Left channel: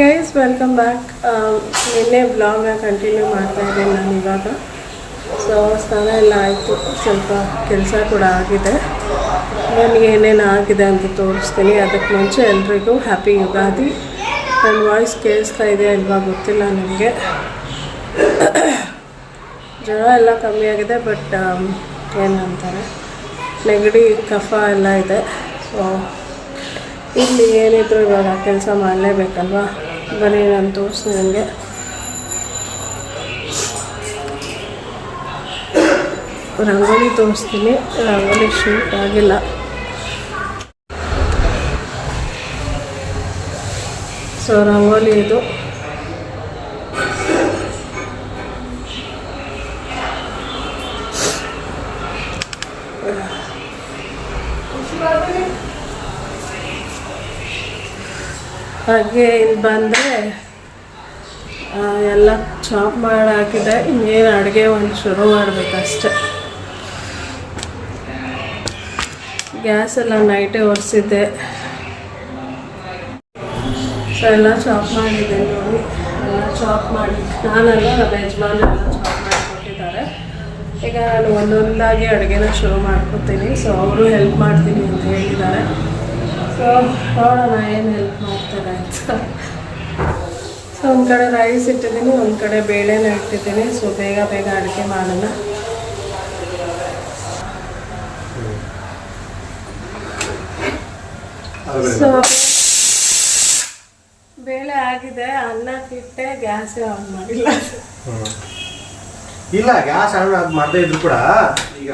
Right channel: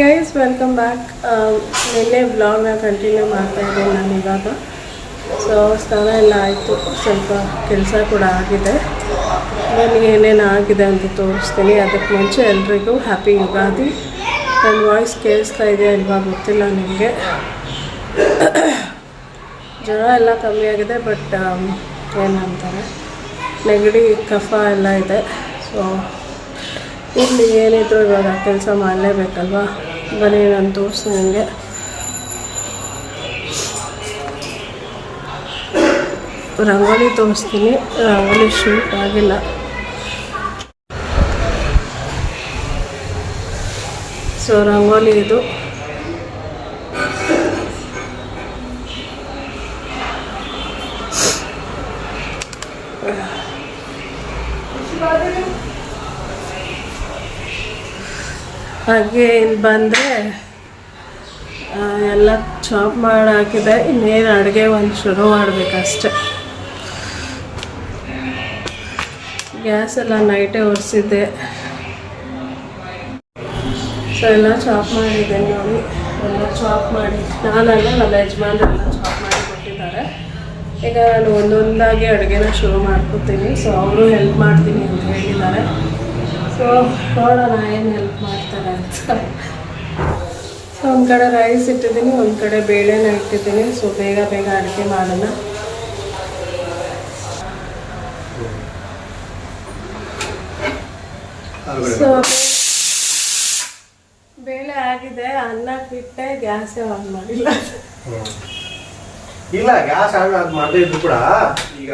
Guys welcome back ನಿನ್ನೆ ವ್ಲಾಗ್ನ continue ಮಾಡ್ತಾ ಇದ್ದೀನಿ ನಾನು ಇವಾಗ. ಸೊ ಸ್ನಾನ ಎಲ್ಲ ಆಯಿತು. ಸ್ವಲ್ಪ ಕೆಲಸ ಕೂಡ ಆಗಿದೆ. ನನಗೆ ಏನೇನು ಆಗಿದೆ ಅಂತ ತೋರಿಸ್ತೀನಿ. ಅದಕ್ಕೆ ಮುಂಚೆ ಎಲ್ರಿಗೂ ಹ್ಯಾಪಿ ಯುಗಾದಿ. ನನ್ನ ವಾಯ್ಸ್ ಕೇಳಿಸ್ತಾ ಇದೆ ಅಲ್ವಾ ಗೊತ್ತಿಲ್ಲ ನಿಮಗೆ. ಜ್ವರ ಎಲ್ಲ ಕಮ್ಮಿ ಆಗಿದೆ ಬಟ್ ಏನಂತಾರೆ? ನೆಗಡಿ, ಕಫ ಎಲ್ಲ ಇದೆ. ಸೊ ಇಲ್ಲಿ ಏನಿದ್ರು ಇವಾಗ ಕೆಲಸ ಮಾಡಲೇಬೇಕಲ್ವಾ? ಬನ್ನಿ ನಾನು ತೋರಿಸ್ತೀನಿ ನನಗೆ. ರಂಗೋಲಿ ತೋರಿಸ್ತೀನಿ. ರಂಗೋಲಿ ಶೂಟ್ ಆಗಿಲ್ಲ. ಸೊ ರಂಗೋಲಿ ಇದು. ಹಾಗೆ ಇಲ್ಲಿ ಬಂದರೆ ಎಲ್ಲ ಚಾಪ್ ಮಾಡಿ ಹಾಕಿದೆ. ಇನ್ನೇನು ಅಡುಗೆ ಒಂದು ಶುರು ಮಾಡಬೇಕಷ್ಟೆ. ಗ್ಯಾಸ್ ಎಲ್ಲ ನೈಟೇ ಒರೆಸಿದ್ದೆ. ಎಲ್ಲ ಚಾಪ್ ಮಾಡಿದ್ದೆ ನೋಡಿ. ಎಲ್ಲ ಚಾಪ್ ಮಾಡಿ, ನಾನಲ್ಲ, ನಮ್ಮ ಯಜಮಾನ್ರೆಲ್ಲ ಚಾಪ್ ಮಾಡಿ ಕೊಟ್ಟಿದ್ದಾರೆ. ಈಗ ನಾನು ಒಂದೊಂದಾಗಿ ಅಡುಗೆನ ಶುರು ಮಾಡ್ಕೊತೀನಿ. ಸೊ ಅವರು ಹೆಲ್ಪ್ ಮಾಡ್ತೀನಿ ಅಂತ ಹೇಳಿದ್ದಾರೆ. ಸೊ ನೋಡೋಣ ಏನು ಹೆಲ್ಪ್ ಮಾಡ್ತಾರೆ ಅಂತ. ಸೊ ಒಂದು ಕಡೆ ರೈಸ್ ಇಟ್ಟಿದ್ದೀನಿ, ಒಂದು ಕಡೆ ಬೇಳೆನ ಇಟ್ಟಿದ್ದೀನಿ. ಸೊ ಬೇಗ ಬೇಗ ಅಡುಗೆ ಮಾಡೋಣ. ಸೊ ಬೇಳೆ ಆಗಿದೆ ಅನ್ನಕ್ಕಿಟ್ಟೆ ಗ್ಯಾಸೇ ಆನ್ ಮಾಡಿಲ್ಲ. ಇಲ್ಲ, ಗ್ಯಾಸ್ ಆನ್ ಅದು ಮಾಡದೇ ಇದ್ರು ಕೂಡ ಈಗ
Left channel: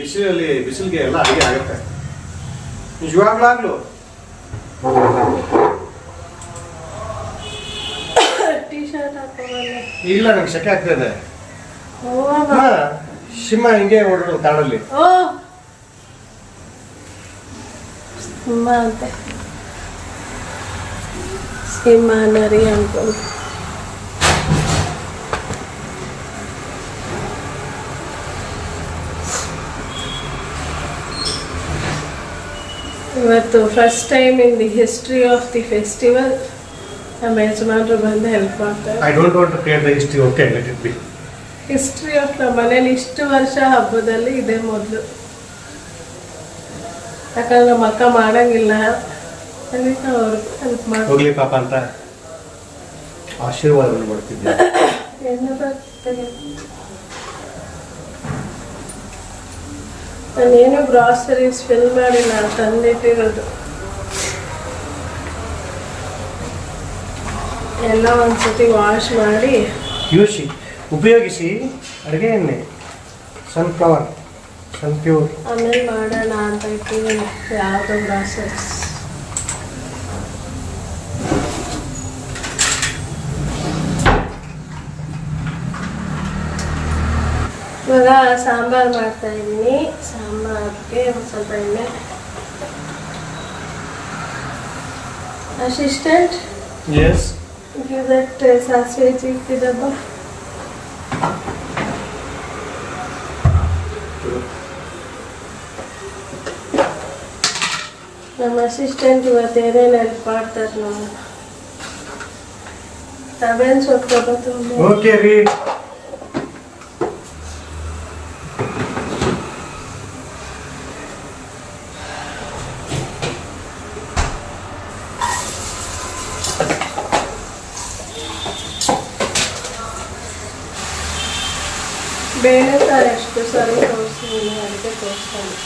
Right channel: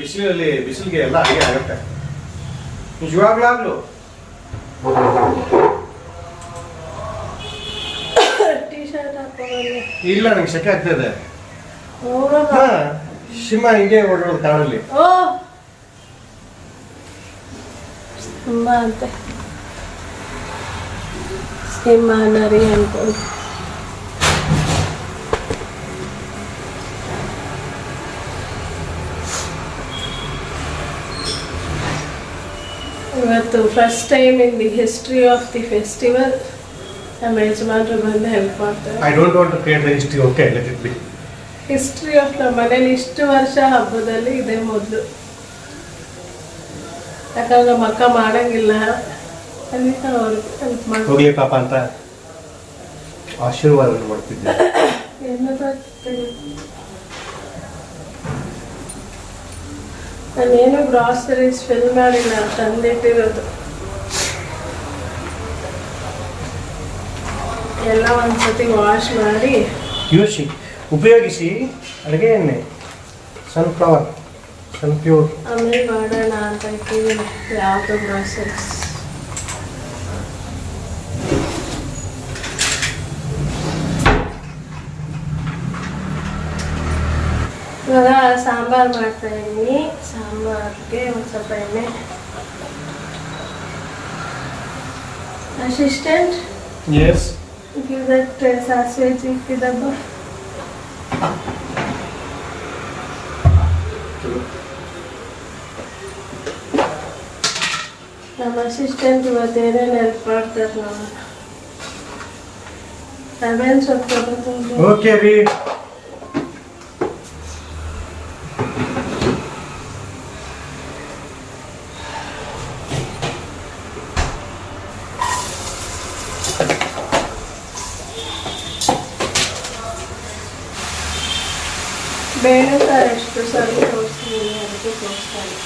ಬಿಸಿಲಲ್ಲಿ, ಬಿಸಿಲಿಗೆ ಎಲ್ಲ ಅಡಿಗೆ ಆಗುತ್ತೆ. ನಿಜವಾಗ್ಲಾಗ್ಲು ಟೀ ಶರ್ಟ್ ಹಾಕೋಬಲ್ಲೆ ಇಲ್ಲ ನಂಗೆ ಶೆಕೆ ಆಗ್ತದೆ ಓ ಹಾ ಶಿಮ್ಮ ಹಿಂಗೆ ಓಡ್ಬೋದು ತಾಳಲ್ಲಿ. ಓ ಸಿಂಹ ಅಂತೆ. ಸಿಂಹ ನರಿ ಅನ್ಕೊಂಡು ಇವತ್ತು first time in the history of the festival ನಮ್ಮ ಯಜಮಾನರು ಬಂದು ಹೆಲ್ಪ್ ಮಾಡ್ತಾರೆ. I don't want to create the history okay let it be history of ನಮ್ಮ ಮನೇಲಿ ಇಷ್ಟು ವರ್ಷ ಹಬ್ಬದಲ್ಲಿ ಇದೇ ಮೊದಲು. ಯಾಕಂದ್ರೆ ನಮ್ಮ ಅಕ್ಕ ಮಾಡಂಗಿಲ್ಲ. ಅದಕ್ಕೆ ಅವ್ರು ಹೆಲ್ಪ್ ಮಾಡಿ ಹೋಗ್ಲಿ ಪಾಪ ಅಂತ ಆಶೀರ್ವಾದ ಮಾಡ್ತಿದ್ದೆ ನಾನೇನು ಗ್ರಾಸರೀಸ್ ಫಿಲ್ ಮಾಡಿಲ್ಲ ತಂದಿಟ್ಟಿರೋದು ಎಲ್ಲ ಒಂದ್ಸತಿ ವಾಶ್ ಮಾಡಿ. ಯೂಸಿ ಉಪಯೋಗಿಸಿ ಅಡುಗೆ ಎಣ್ಣೆ ಸನ್ಫ್ಲವರ್ ಸನ್ಪ್ಯೂರ್ ಆಮೇಲೆ ಮಾಡೋಣ ಅಂತ ಇಟ್ಟಿದ್ದೀನಿ ಯಾವುದೋ ಗ್ರಾಸರೀಸ್ ಇವಾಗ ಸಾಂಬಾರು ಮಾಡ್ತಾ ಇದ್ದೀನಿ ಸಾಂಬಾರ್ಗೆ ಒಂದು ಸ್ವಲ್ಪ ಎಣ್ಣೆ. ಅಸಿಸ್ಟೆಂಟ್ ಎಸ್ ಗಿವ್ ದಟ್ ಸಾಸಿವೆ ಚಿಕ್ಕಿದಬ್ಬ ನಮ್ಮ ಅಸಿಸ್ಟೆಂಟ್ ಇವತ್ತು ಏನೇನು ಹೆಲ್ಪ್ ಮಾಡ್ತಾರೆ ನೋಡೋಣ. ತಬೇನ್ ಸೊಪ್ಪು ತುಂಬ ಓಕೆ ರೀ. ಬೇಳೆ ಸಾರು ಸರಿ ತೋರಿಸ್ತೀನಿ ಅದಕ್ಕೆ ತೋರಿಸ್ತಾನೆ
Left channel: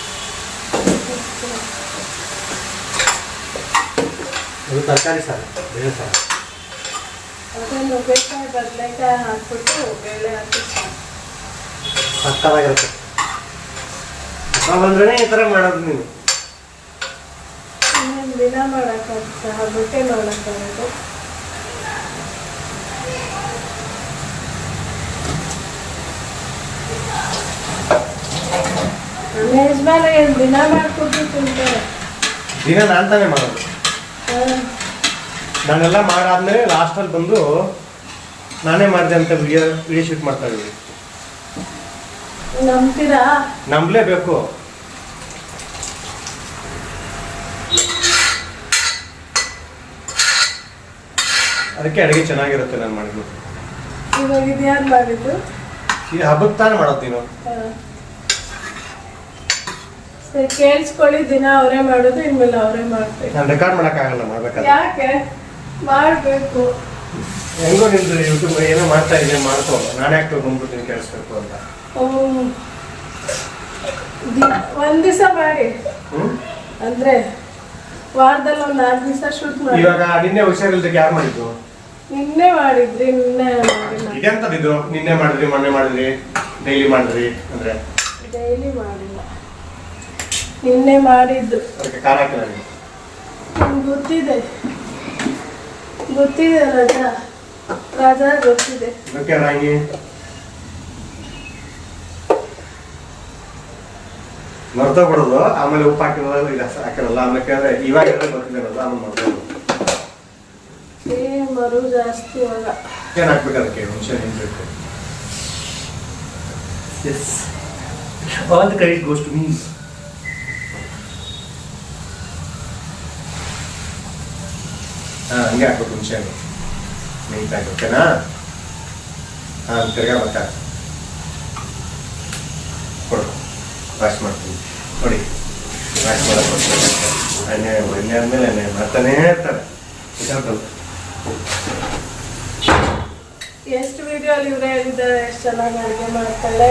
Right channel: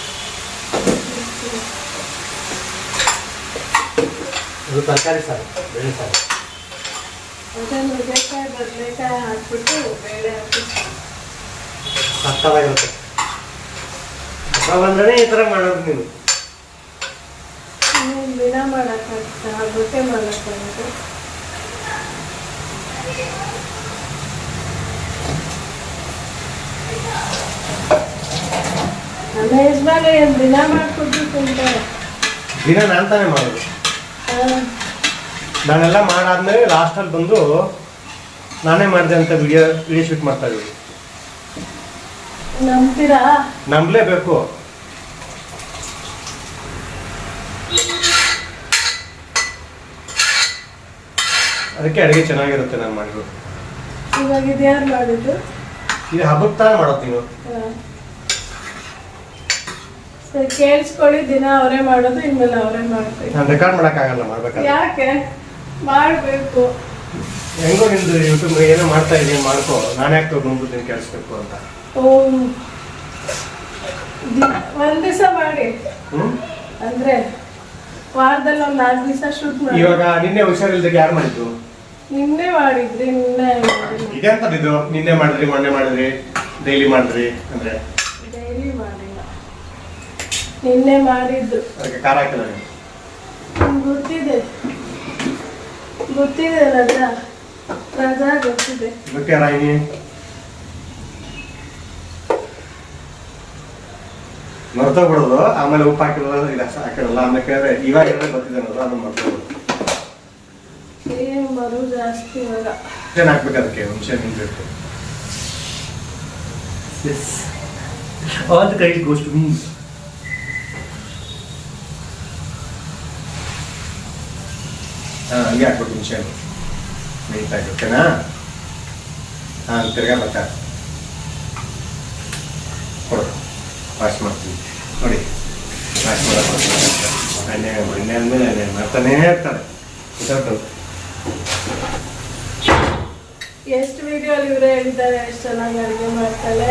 ಇದು ತರಕಾರಿ ಸಾರು. ಬೇಳೆ ಸಾರು ಅದೇ ನುಗ್ಗೆಕಾಯಿ ಬದನೆಕಾಯಿ ಹಾಕ್ಬಿಟ್ಟು ಬೇಳೆ ಹಾಕಿ ಸಾರು. ಸತ್ತವಾಗಿರುತ್ತೆ ಬಂದ್ರೆ ಈ ಥರ ಮಾಡೋದು ನೀವು ದಿನ ಮಾಡೋಕ್ಕಾಗುತ್ತೆ? ಹಬ್ಬಕ್ಕೆ ಮಾಡೋಕ್ಕಾಗುತ್ತೆ ನಮ್ಮ ಯಜಮಾನ ಏನು ದಿನ ಮಾಡಿಕೊಟ್ಟು ತಿಂತಾರೆ ದಿನ ನಾನು ತಾನೇ ಮಾಡೋದು. ನಾನೆಲ್ಲ ಮಾಡಾದ್ಮೇಲೆ ಲಾಸ್ಟಲ್ಲಿ ಬಂದು ನಾನೇ ಮಾಡಿದೆ ಅಂತ ವಿಡಿಯೋ ವಿಡಿಯೋ ಶೂಟ್ ಮಾಡ್ತಾ ಇದ್ದೀವಿ ನಂಬ್ತೀರಾ? ನಂಬಲೇಬೇಕು. ಅದಕ್ಕೆ ಅಡುಗೆ ಚೆನ್ನಾಗಿರುತ್ತೆ ನಾನು ಮಾಡಿದ್ರು ಇವಾಗ ಇದು ಯಾರು ಮಾಡಿದ್ದು? ಇದು ಹಬ್ಬಕ್ಕೆ ತಾನೇ ಮಾಡೋದು ನೀನು. ಕೇಳಿಸ್ಕೊಳ್ಳಿ ದಿನ ಅವರೇ ಮಾಡೋದು ಇನ್ಮೇಲೆ ಅವರೇ ಮಾಡ್ಬೇಕು. ನಾನು ರೆಕಾರ್ಡ್ ಮಾಡೋಕ್ಕಾಗಲ್ಲ ಮಾಡ್ಬೇಕಾದ್ರೆ. ಯಾಕೆ? ಮಾಡ್ಬೇಕು. ಹೆಂಗೋ ನಿಮ್ದು ಯೂಟ್ಯೂಬ್ ಏನೋ ಮಾಡ್ತಾ ಇದ್ದೀನಿ ಮಾಡ್ಕೋ. ನಾನು ಯಾಕೆ ಬಂದ್ಬಿಡ್ತೀನಿ ಕೇಳಿಸ್ಬೇಕು ಅಂತ. ಓ. ಒಂದ್ ದಿವಸ ಮಾಡಿ. ಹ್ಞೂ ಅಂದ್ರೆ ವಾರದಲ್ಲಿ ಒಂದ್ ನಾಲ್ಕು ದಿವಸ ಶೂಟ್ ಮಾಡಿ. ಇವಾಗ ನಿನ್ನೆ ಹುಷಾರಿಲ್ದಕ್ಕೆ ಯಾರು ಮಾಡಿದ್ದು? ನಿನ್ನೆ ಮಾಡಿದ್ರಿ ನಿನ್ನೆ ಮಾಡಿಲ್ಲ. ಇದೆಂತದಿದ್ದು ನಿನ್ನೆ ಮಾಡಿದ್ರಿ ಮೊನ್ನೆ ಮಾಡಿದ್ರಿ ಡೈಲಿ ಮಾಡಿದ್ರಿ ಅಂದ್ರೆ? ಡೈಲಿ ಮಾಡಿಲ್ಲ. ನಿನ್ನೆ ಮಾಡಿದ್ದು. ಅದಕ್ಕೆ ಖಾರ ಹಾಕಿಲ್ಲ ನೀವು ನಂಗ್ ಗೊತ್ತಿದೆ. ಗೊತ್ತಿದೆ ರಜಾ. ರಜಾ ಗೊತ್ತಿದೆ. ಇದಕ್ಕೆ ಬಿಡೋದು ಮರ್ತೋಗ್ಬಿಡೋದು. ಆಮೇಲೆ ಉಪ್ಪು ಹಾಕಿರಲ್ಲ ಇದು ಹಾಕಿರಲ್ಲ. ಆಮೇಲೆ ಕೇಳಿದ್ರೆ ಇವಾಗ ಎಲ್ಲ ಗೊತ್ತಿದೆ ಅದನ್ನ ಮರ್ತೋದು ಏನು ಬರು ಜಾಸ್ತಿ ಇವಾಗ ಏನು ಹಾಕ್ಬೇಕು ಅದಕ್ಕೆ ಹುಣಸೆ ನಿಂಬೇಕು yes all the correct goes to me ಹಾಂ ಹಂಗೆ ಹಾಕ್ಬೇಕು ಮುಂಚೆ ನೈಟ್ ನೀಟಾಗಿ ಓಕೆನಾ ಹಾಂ ತಿರ್ಗಾ ಬರ್ತಾ ಕೊಡು. ವಾಶ್ ಮಾಡ್ತೀನಿ. ನೋಡಿ ವಾಶ್ ಮಾಡೋಕೆ ಎಣ್ಣೆ ಎಣ್ಣೆ ಆದಮೇಲೆ ಎಣ್ಣೆ ಮಾಡ್ತಾನೇ ಇರ್ತಾರೆ ಗೊತ್ತಾಯ್ತು? ಎಷ್ಟು ವಿಡಿಯೋ ಅಲ್ಲಿ ಇವರೇ ಹೇಳಿದ್ದಾರೆ ಎಷ್ಟು ಚೆನ್ನಾಗಿ ಅಡುಗೆ ಮಾಡ್ತಾಳೆ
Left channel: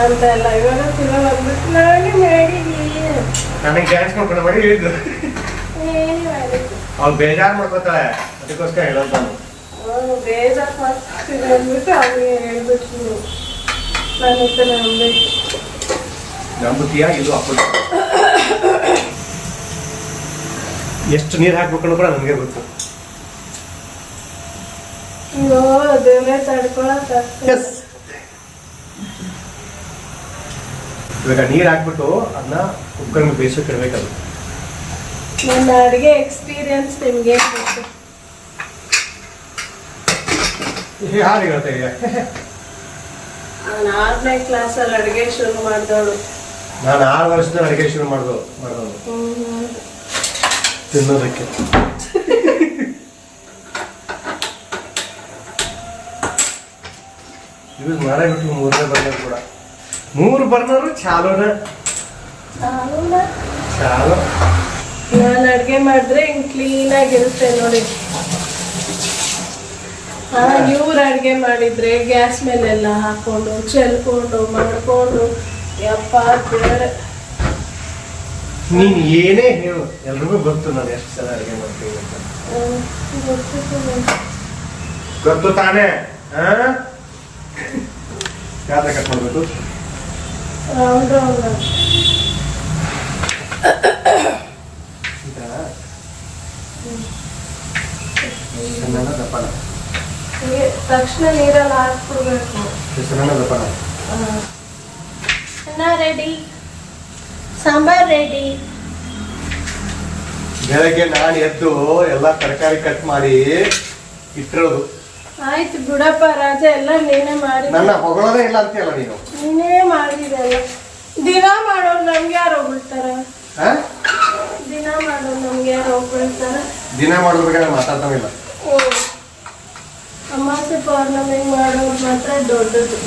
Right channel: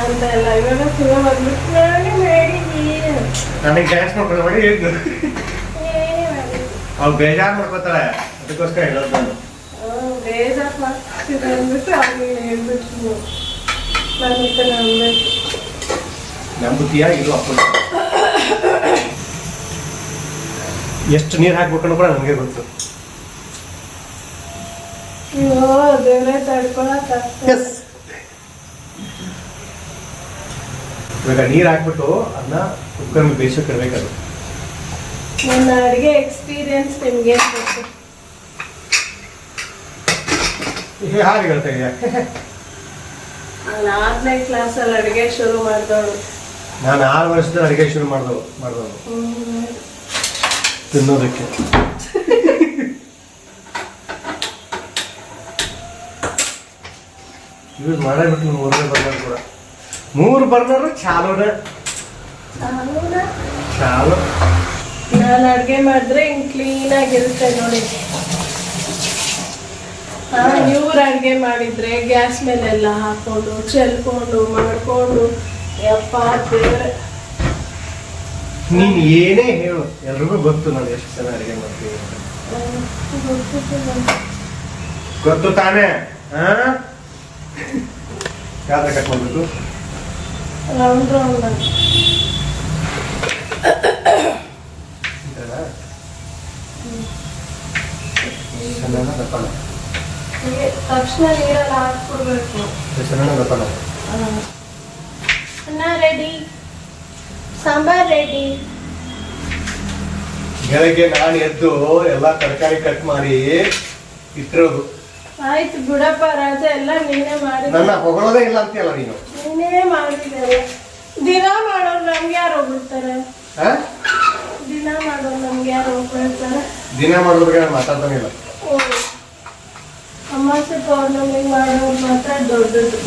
ಅಂತ ಎಲ್ಲ. ಇವಾಗ ಫಿಲ್ಮ್ ಬಂದ್ಬಿಟ್ಟು ನಾನು ಮಾಡಿದ್ದೀನಿ. ನನಗೆ ಡ್ಯಾನ್ಸ್ ಮಾಡ್ಕೊಂಡು ಮಾಡಿ ಮಾಡಿದ್ದು ಅವ್ಳು ಬೇಜಾರು ಮಾಡ್ಕೋತಾಳೆ ಅದಕ್ಕೋಸ್ಕರ ಹೇಳೋದು ನಾನು. ಬೇಜಾರು ಅಂದ್ಬಿಟ್ಟು ಅವ್ನಿಗೆ ಹೇಳ್ಬಿಟ್ರು. ನಾನು ನಂಬುತ್ತೀಯಾ ಇದು ಅಪ್ಪ ಎಷ್ಟು ನೀರು ಹಾಕ್ಬೇಕು ಕೂಡ ನನಗೆ ಗೊತ್ತು. ಅಯ್ಯೋ ತಡ್ಕೊಳಕ್ ಎಸ್ ಇವಾಗ ನೀರು ಹಾಕ್ಬಿಟ್ಟು ಅದನ್ನ ಕುಕ್ಕರ್ ಬೇಯಿಸೋಕೆ ಇರಬೇಕದು ನನ್ನ ಅಡುಗೆ ಎಕ್ಸ್ಪೀರಿಯನ್ಸ್ ನಿಮ್ಗೆ ಗೊತ್ತು? ಹಾಗೆ ಹೇಳ್ತಾ ಇದೆಯಾ ನಾನು ಆರನೇ ಕ್ಲಾಸಲ್ಲಿ ಅಡುಗೆ ಶುರು ಮಾಡಿದವಳು. ನಾನು ಆರು ವರ್ಷದ ಅಡುಗೆ ಶುರು ಮಾಡ್ದು ಮಾಡ್ದವನು ತಿನ್ನೋದಕ್ಕೆ. ಯೂಸ್ ಮಾಡಬಿಟ್ಟು ಮೂರನೇ ಬರ್ನರ್ ಕೂಡ. ಮೂರು ಬರ್ನರ್ ಚಾಲೋನ? ಚಾಲೋ. ನಾನು ಅಡುಗೆ ಮಾಡಿದ್ರೆ ಹಿಂಗೆ ಕ್ಲೀನಾಗಿರುತ್ತೆ ನೋಡಿ. ಹಾಂ ಇವ್ರು ಅಡುಗೆ ಮಾಡಿದ್ರೆ ಗ್ಯಾಸ್ ಮೇಲೆಲ್ಲ ಹಾಕ್ಕೊಂಡು ಚೆಲ್ಕೊಂಡು ಮಾಡಿಕೊಂಡು ಯಪ್ಪ ದೇವ್ರೆ ನೀನು ಏನೇ ಹೇಳು ಎಲ್ರಿಗೂ ಗೊತ್ತು ನಾನು ಎಷ್ಟು ಸಲ ಅಡುಗೆ ಮಾಡ್ತೀವಿ ಅಂತ. ಗೊತ್ತು ತಾನೇ? ಹಾ? ಯಾವ್ದು ಕಟ್ ಮಾಡಬೇಕು ರೌಂಡ್ ರೌಂಡ್ ಆಗಿ. ಸಣ್ಣ ದಪ್ಪನ? ಹೀಗೆ ತಕ್ಷಣ ನೀರಲ್ಲಿ ಹಾಕ್ಬಿಡ್ಬೇಕು. ಸಣ್ಣ ದಪ್ಪನ? ಅನ್ನ ರೆಡಿ ಸಾಂಬಾರ್ ರೆಡಿ ಬೆಳಗ್ಗೆ ನಾನು ಎದ್ದು ಎಲ್ಲಾ ತರಕಾರಿ ಕಟ್ ಮಾಡಿ ಇಟ್ಟಿರೋದು. ಆಯ್ತು ಬಿಡಪ್ಪ ರಾಜ ಎಲ್ಲ ನೀನೇ ಮಾಡಿ ನನ್ನ ಹೊಗಳೋದೇ ಇಲ್ಲ ಅಂತೀಯಲ್ಲ ನೀನು? ನೀನೇ ಮಾಡಿದೆಲ್ಲ ದಿನ ಮಾಡೋರು ನಮ್ಗೆ ಯಾರು ಹೋಗ್ಬಿಡ್ತಾರೆ ಮಾಡೋರು ನಮ್ಗೆ ಯಾರು ಹೋಗ್ಬಿಡ್ತಾರೆ ದಿನ ಮಾಡೋದ್ರಿಗೆ ನಾನು ಮಾತಾಡ್ತಾನೆ ಇಲ್ಲ. ಓ ಅಮಾಸೆ ಪೌರ್ಣಮಿಗೆ ಮಾಡೋರು ಮಾತ್ರ ದೊಡ್ಡದು.